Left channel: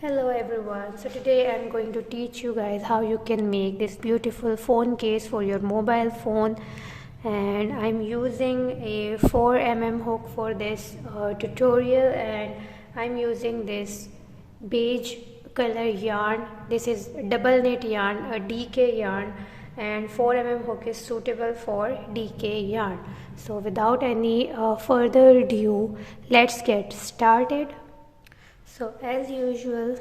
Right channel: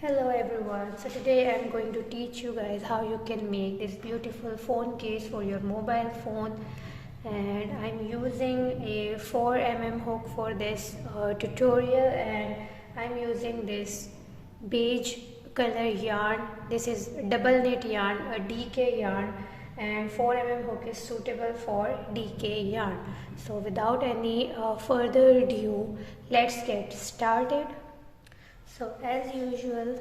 Hello everyone, so today I'm going to teach you guys how you can make this beautiful phone case for your mobile phone, and I'm using a 4mm hook for this tutorial, and I'm using this beige color yarn. This is double knit yarn, a DK yarn, and 4mm hook is suitable for DK yarn. So without any further ado, let's get started. So as usual,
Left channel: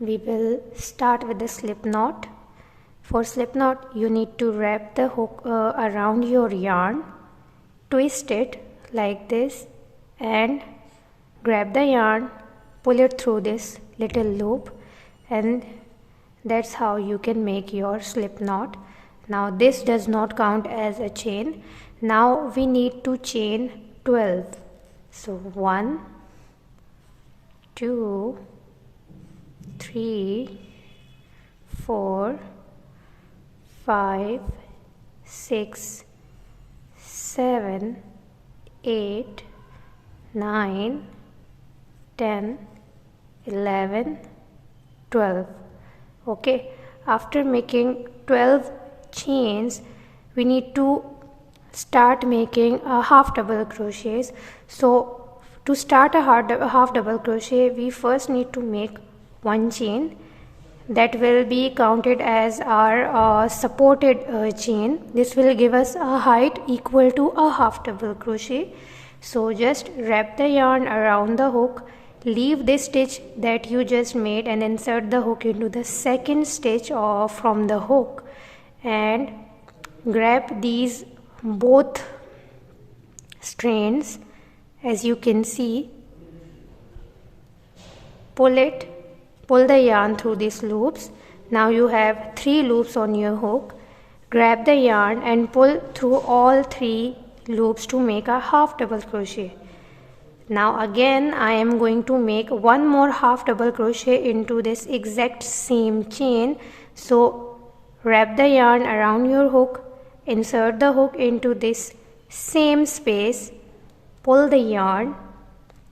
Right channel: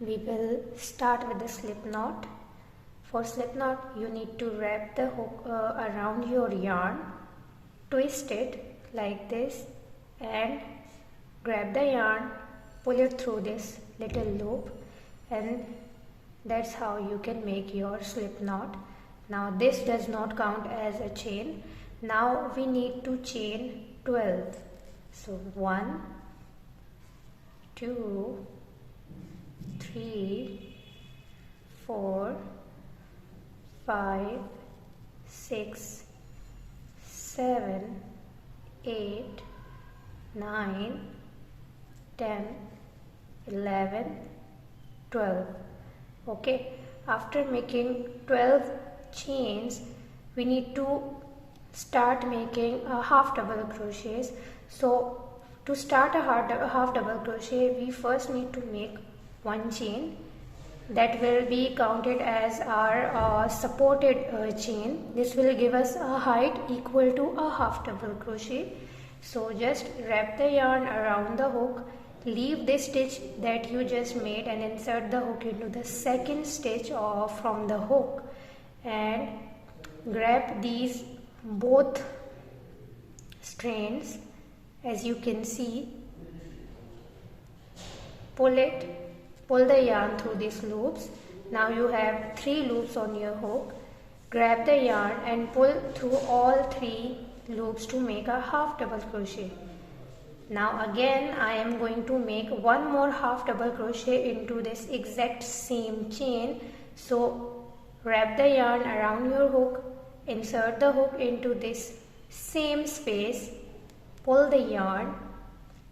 we will start with the slip knot. For slip knot, you need to wrap the hook around your yarn, twist it like this, and grab the yarn, pull it through this little loop, and that's how you can make your slip knot. Now this does not count as a chain. Now we need to chain 12. So 1, 2, 3, 4, 5, 6, 7, 8, 9, 10, 11, 12. Okay, after making 12 chains, we need to start making a half double crochets. So to start a half double crochet, we first need to make one chain that will be counted as our supported chain. This will give us a height equal to a half double crochet. So just wrap the yarn around the hook, leave this stitch that you just made, and insert the hook into the second stitch from the hook, and grab these both strands. As you can see, pull the yarn through these loops. Now you have 3 loops on your hook. Grab the yarn and pull through all 3 loops to make a half double crochet. Now again I am going to make one more half double crochet into this exact same chain. So wrap the yarn around your hook, insert the hook into this same space, pull the yarn,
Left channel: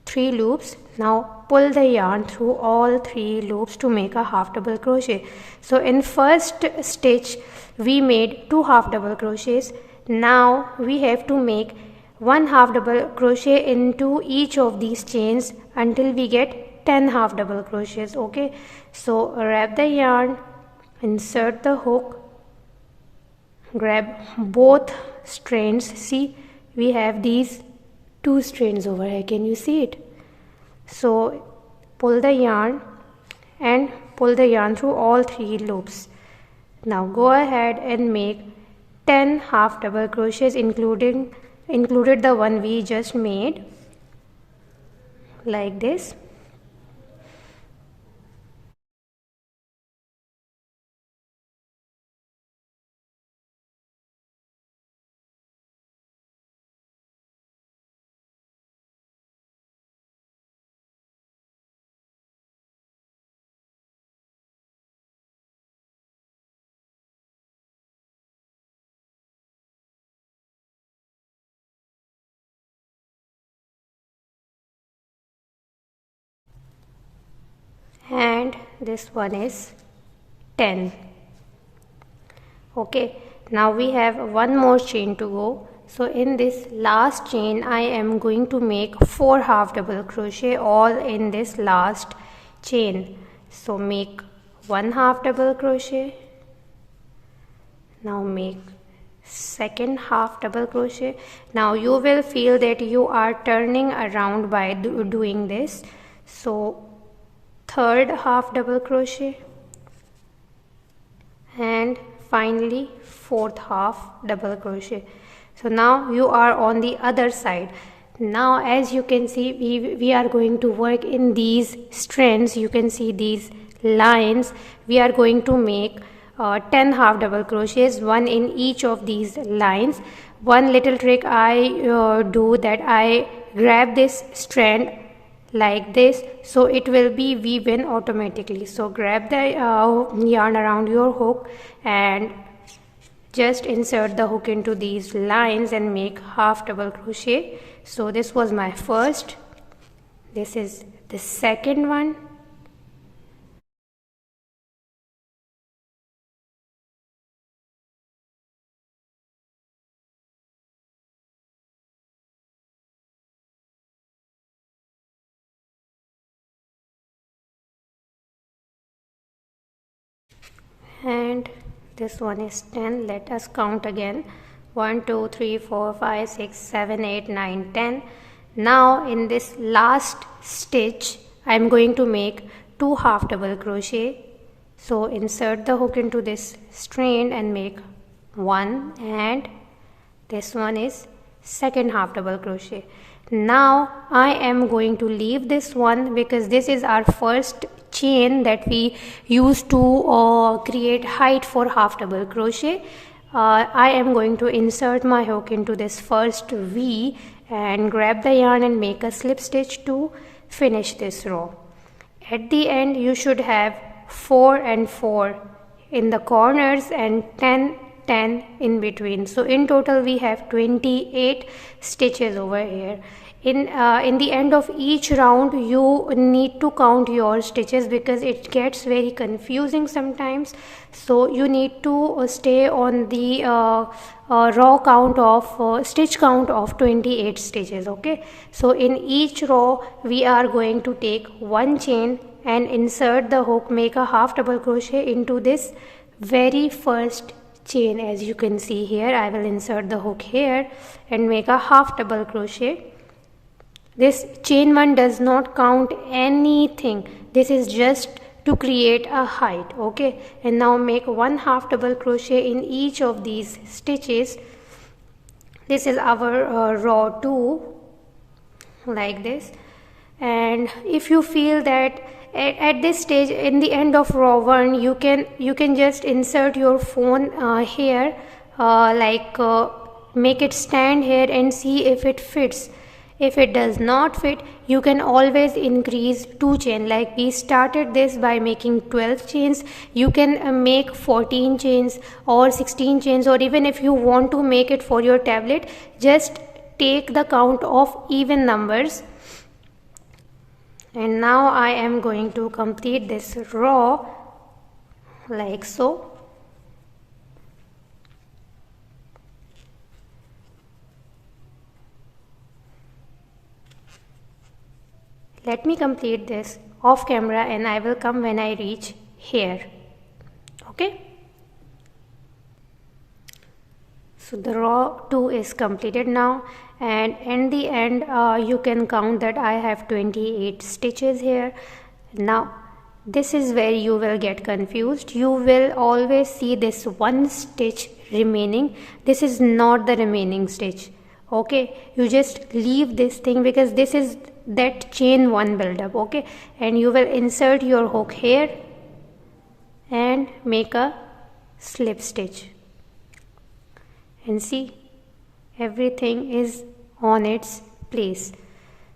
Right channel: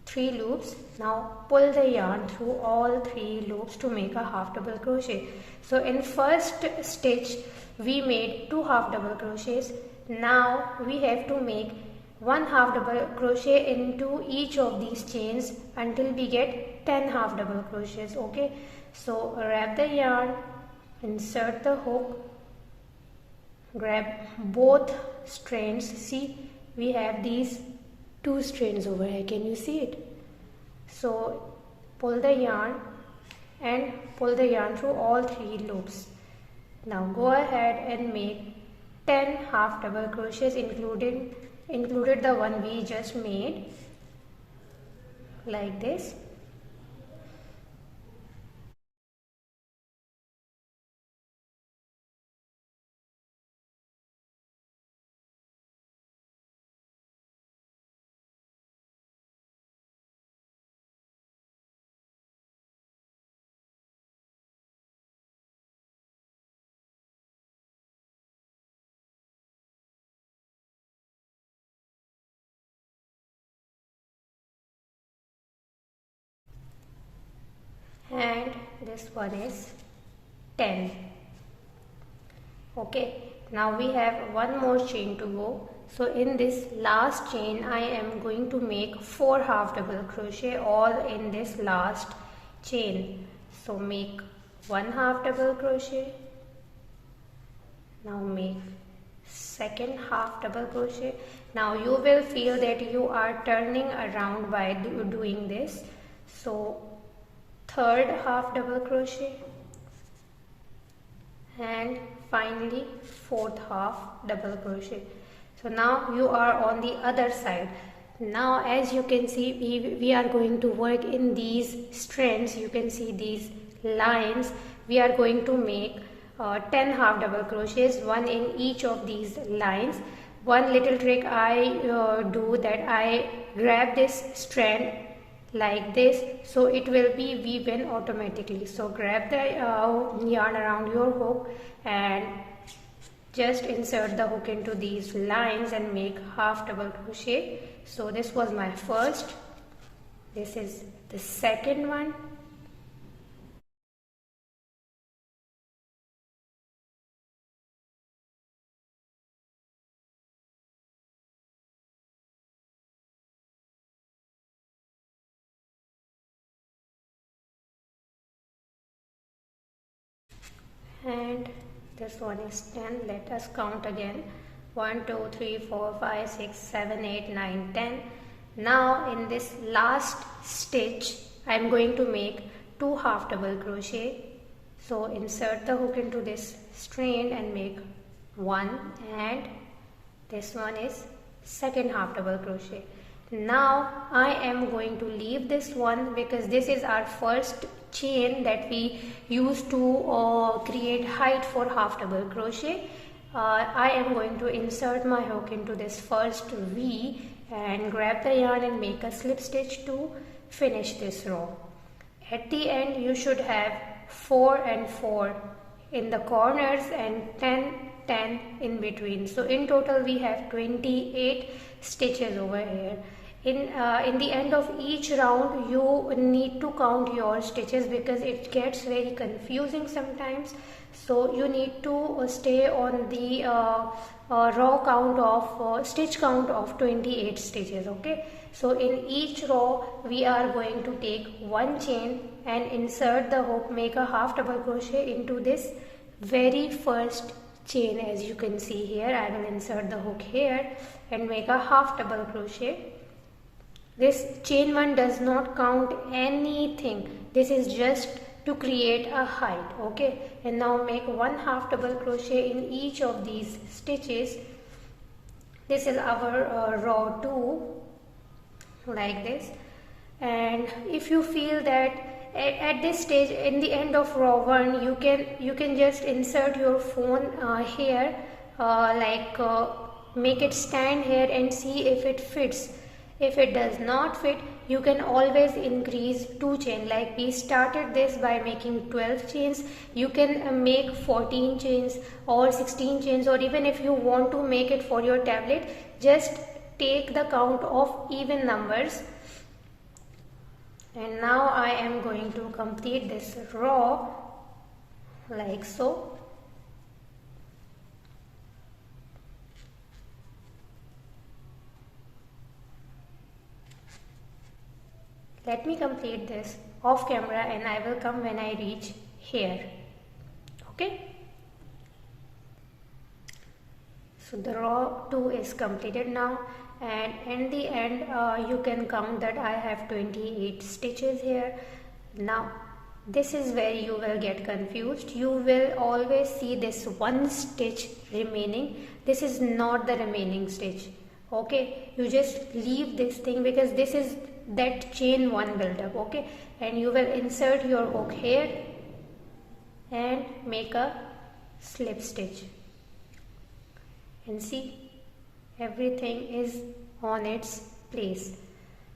3 loops. Now pull the yarn through all 3 loops to make a half double crochet. So in first stitch we made 2 half double crochets. Now we have to make 1 half double crochet into each of these chains until we get 10 half double crochets. Okay, so wrap the yarn, insert the hook, grab both strands. See, we have these 2 strands over here. Can you see it? So pull the yarn and pull the yarn through all 3 loops. Now go ahead and make 10 half double crochets, included the one we just made, like this. And this one is 10. Okay, now we have one more chain to go. So in this last chain I am going to make 4 half double crochet all in this last chain. So make 1 half double crochet, now make second half double crochet. Now you will feel that you are turning around by doing this. So third half double crochet, and finally fourth half double crochet. So now you are on the other side. Now as you can see, we are going to work in these strands. You can see these lines. We are going to make 10 half double crochets, one in each of these lines. One little trick I do, that I grab this strand like this, so it will be weave-in automatically. So grab the yarn around your hook and just insert the hook into these lines and make half double crochet. So this was my first, this is the second one, and this one is 10. Let us count again. 1 2 3 4 5 6 7 8 9 10. Now in this last stitch I am going to make 2 half double crochet. So insert the hook into this strand and make 1, and this one is second half double crochet. Now I am going to leave this one because this is our first chain that we use to create height for half double crochet. I am going to insert my hook into this first V and grab the yarn and make a slip stitch to finish this row. At the end you should have 4 and 4 in the corners and 10 in between. So in total we have 28 stitches over here. In the end of each round you need to count your stitches because it gets very confusing sometimes. So you need to stay on the raw count of stitch count of 28 stitches. Okay, so in each row we are going to take one chain and insert the hook, make a half double crochet into this very first chain. As you can see here, I will insert the hook here and make a half double crochet. This chain 1 does not count anything. This is just to create a height. Okay, and now make 1 half double crochet in each of these stitches. This is our row 2, like this. And if you feel that at this stage, in the end of row 1, you can just insert your phone here, make it stand here and see if it fits. If it does not fit, you can always increase 2 chain. Like we started this by making 12 chains, you can make 14 chains or 16 chains, or even if you want to make it for your tablet, just take the count of even numbers. And now I am going to complete this row like so. Let me complete this off camera and I will come when I reach here. Okay. So the row 2 is completed now, and in the end you can count that I have 28 stitches here. Now this is where you will get confused. You will always see this one stitch remaining. This is not the remaining stitch. Okay, you just leave this thing because this is that chain 1 buildup. Okay, and you will insert your hook here and make a slip stitch, and see everything is on its place.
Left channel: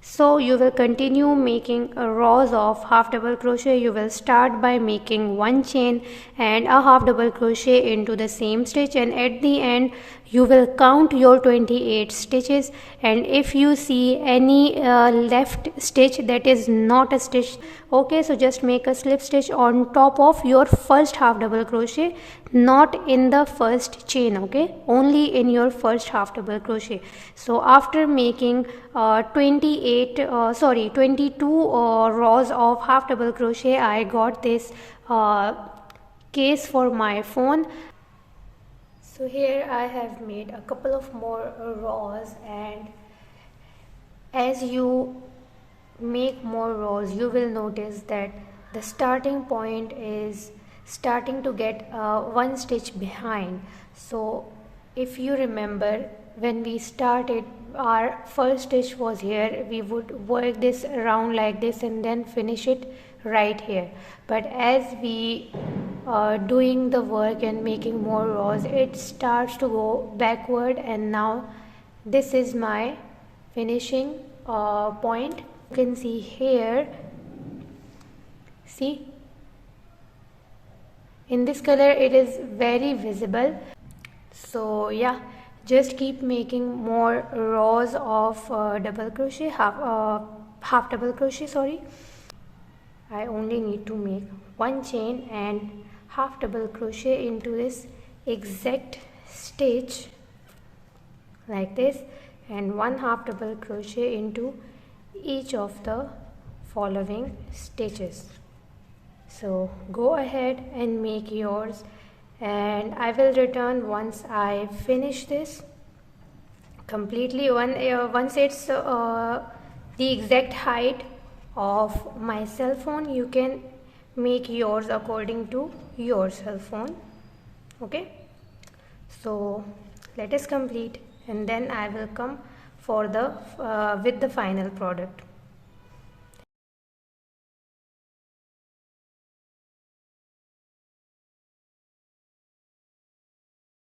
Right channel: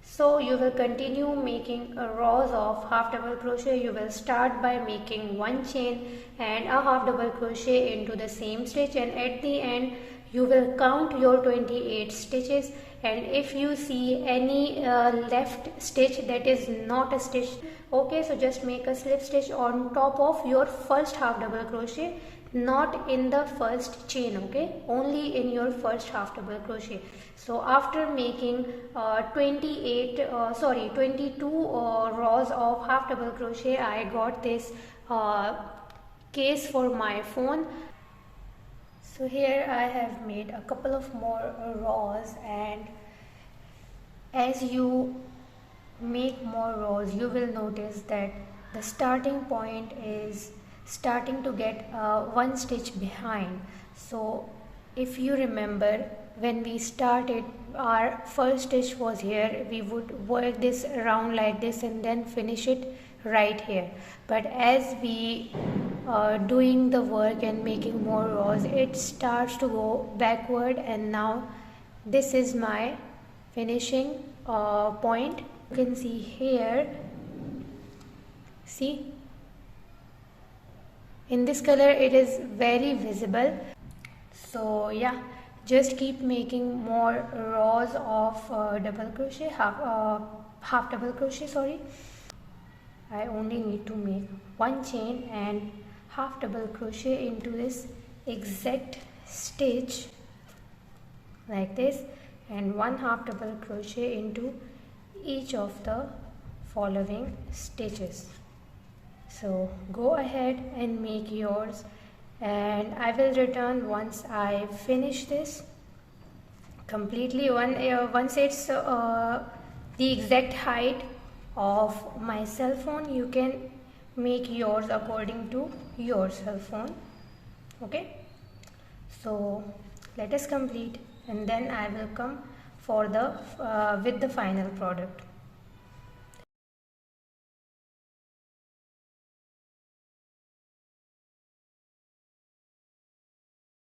So you will continue making rows of half double crochet. You will start by making 1 chain and a half double crochet into the same stitch, and at the end you will count your 28 stitches, and if you see any left stitch that is not a stitch, okay, so just make a slip stitch on top of your first half double crochet, not in the first chain. Okay, only in your first half double crochet. So after making 22 rows of half double crochet, I got this case for my phone. So here I have made a couple of more rows, and as you make more rows you will notice that the starting point is starting to get 1 stitch behind. So if you remember, when we started, our first stitch was here. We would work this around like this and then finish it right here. But as we doing the work and making more rows, it starts to go backward, and now this is my finishing point. You can see here, see, in this color it is very visible. So yeah, just keep making more rows of double crochet, half double crochet, sorry. I only need to make 1 chain and half double crochet into this exact stitch like this, and 1 half double crochet into each of the following stitches. So go ahead and make yours, and I will return once I finish this completely. Once it's the exact height of my cell phone, you can make yours according to your cell phone. Okay, so let us complete, and then I will come for the with the final product.